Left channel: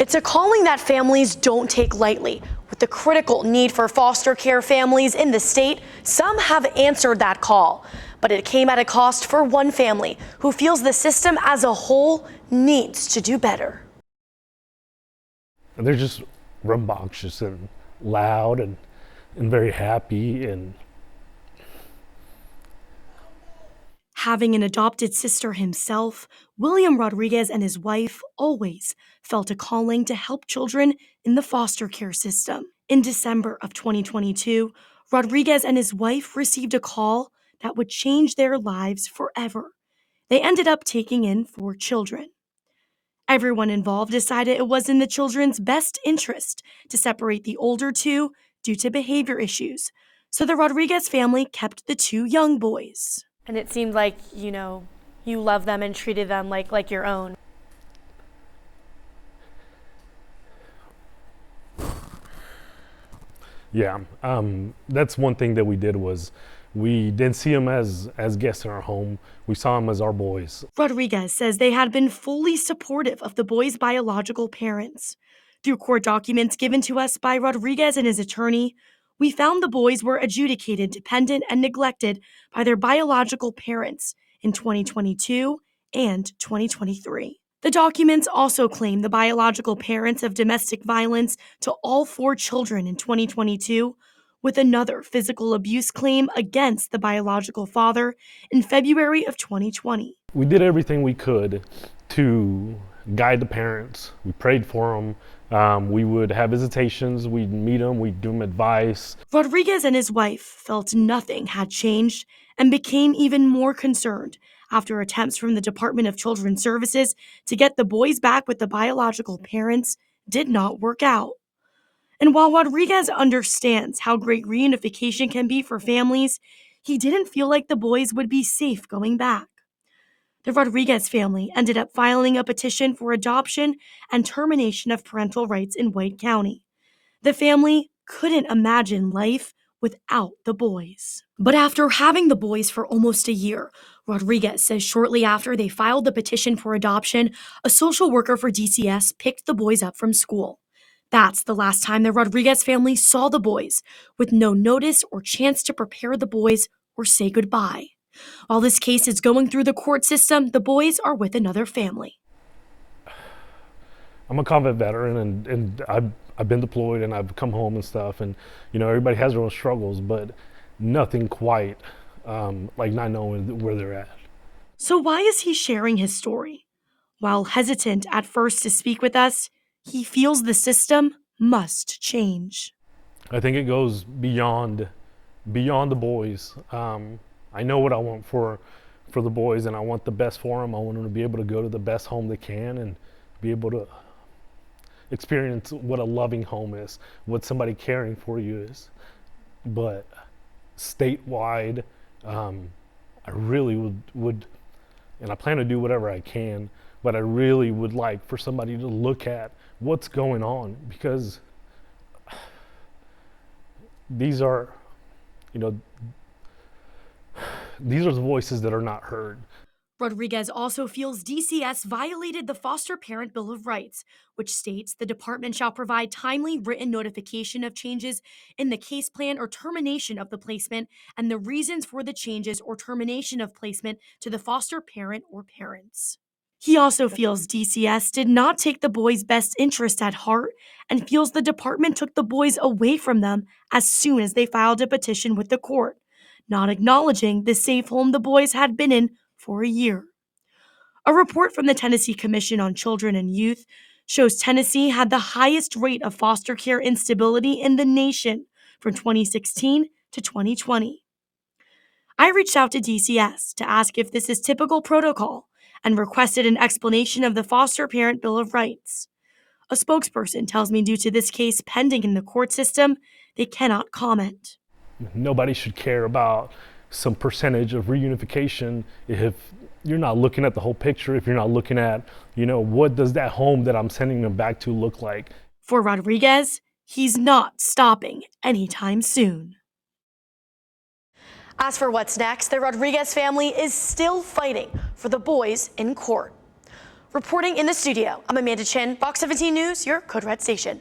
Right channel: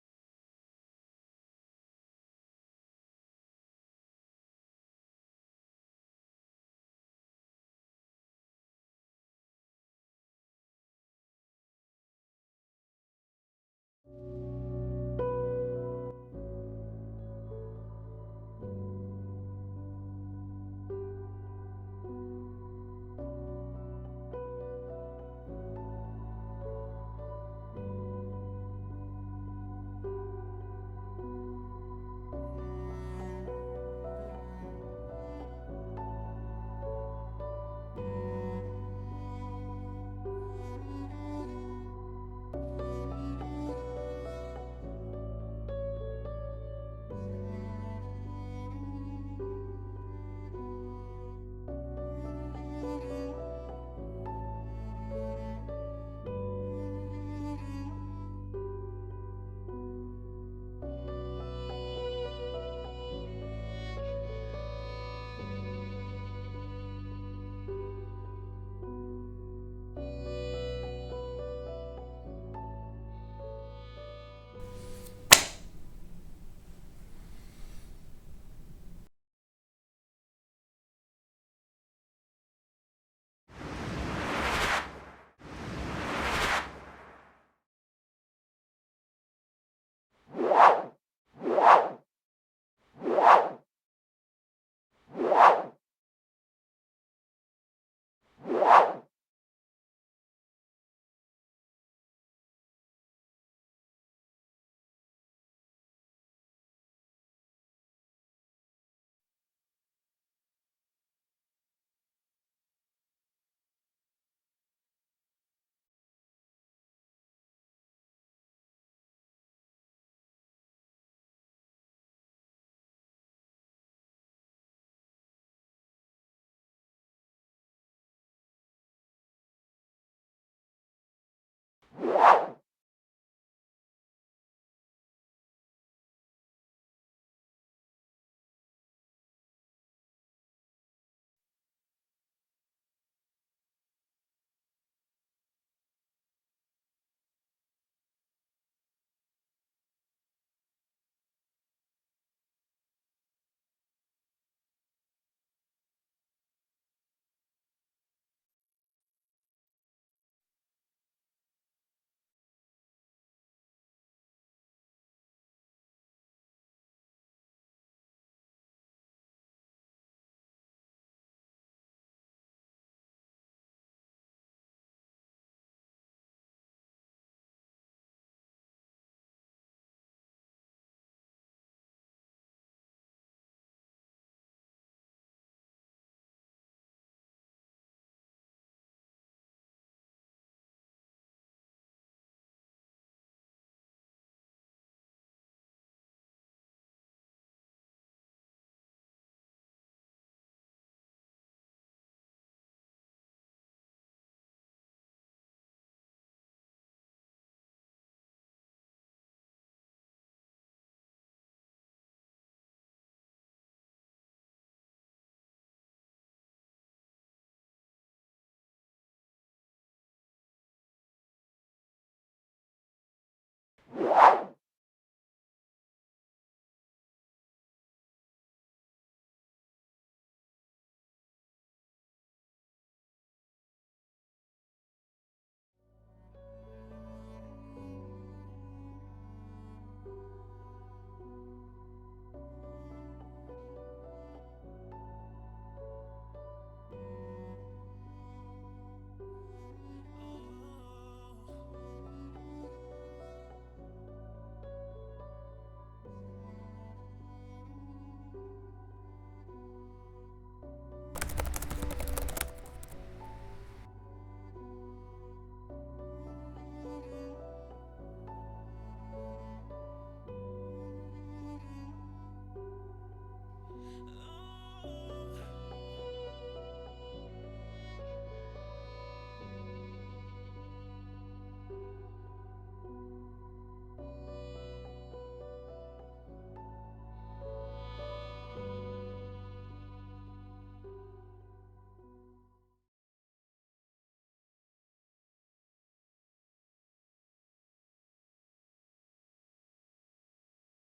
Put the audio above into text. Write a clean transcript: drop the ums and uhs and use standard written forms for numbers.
It's a calling that families don't take lightly. With the critical need for foster care families in the state, some have answered that call. But it came at a cost for one family who feels the system as a whole needs to do better. They're just rambunctious and loud and very happy. And having an adopted sister himself, William Rodriguez and his wife always felt a calling to help children in the foster care system. In December of 2022, Rodriguez and his wife received a call that would change their lives forever. They ended up taking in 4 children. Everyone involved decided it was in the children's best interest to separate the older 2 due to behavior issues, so the Rodriguez family kept the 2 young boys. And it seemed like, you loved them and treated them like your own. yeah, that's one thing that we did was we didn't see them as guests in our home. We saw them as our boys. Rodriguez says they had been fully supportive of the boys' biological parents. Through court documents given to us by Rodriguez and his attorney, we found the boys were adjudicated dependent and neglected by their biological parents in 2022 and 2023. The documents also claim the biological parents of domestic violence to all 4 children in 2022, with another physical abuse claim against the biological father in February of 2020. We did everything we could to guide the parents. We prayed for them. We would have visitations. We'd meet them. We'd give them advice. Rodriguez and his wife felt nothing had changed and became even more concerned after attempts from the Department of Children's Services to get the boys back with the biological parents did not work out. And while Rodriguez understands how great reunification can be for families, he didn't feel like the boys would be safe going back. The Rodriguez family ended up filing a petition for adoption and termination of parental rights in White County. The family couldn't imagine life without the boys. But after having the boys for almost a year, Rodriguez says shortly after they filed the petition for adoption, a social worker for DCS picked the boys up from school. That's the last time the Rodriguez family saw the boys, with no notice or chance to prepare the boys or say goodbye. While this case is going through the court system, the boys are with another family. I'm a combat veteran, and I've been deployed and I've come home and stuff, and everybody has their own struggles, but nothing quite like not knowing where they're at. So why is he sharing his story? While hesitant at first to speak with us, he feels the system must change. I think it goes beyond the boys. I know what I want for the boys, and I want the best for them. I want them to be able to go to the best home they can and be able to experience what a loving home is, what somebody caring for you is. But statewide, I really would, and I plan to do whatever I can, but I really would like for somebody to look at what's going on, because these are the voices that are not heard. Rodriguez also feels DCS violated the Foster Parent Bill of Rights, which states the department shall provide timely written notification of changes in the case plan or termination of the placement and the reasons for the changes or termination of placement to the foster parent or parents. He also feels DCS did not take the boys' best interest at heart and feels the department took the boys away from them as soon as they filed a petition with the court, not acknowledging the safe home the boys had been in for a year. A report from the Tennessee Commission on Children and Youth shows Tennessee had the highest rate of foster care instability in the nation from 2016 to 2020. I reached out to DCS to ask if this is typical protocol and requested an explanation of the Foster Parent Bill of Rights. A spokesperson tells me due to this case pending in the court system, they cannot comment. Nobody should care about some percentage of reunification if you're not looking at the whole picture, if you're not looking at, what does that home that I'm sending them back to look like? For Rodriguez, he's not stopping anytime soon. As for what's next, the Rodriguez family is still fighting for the boys in court. Reporting in the studio, I'm Amanda Chin, Fox 17 News, your Code Red station.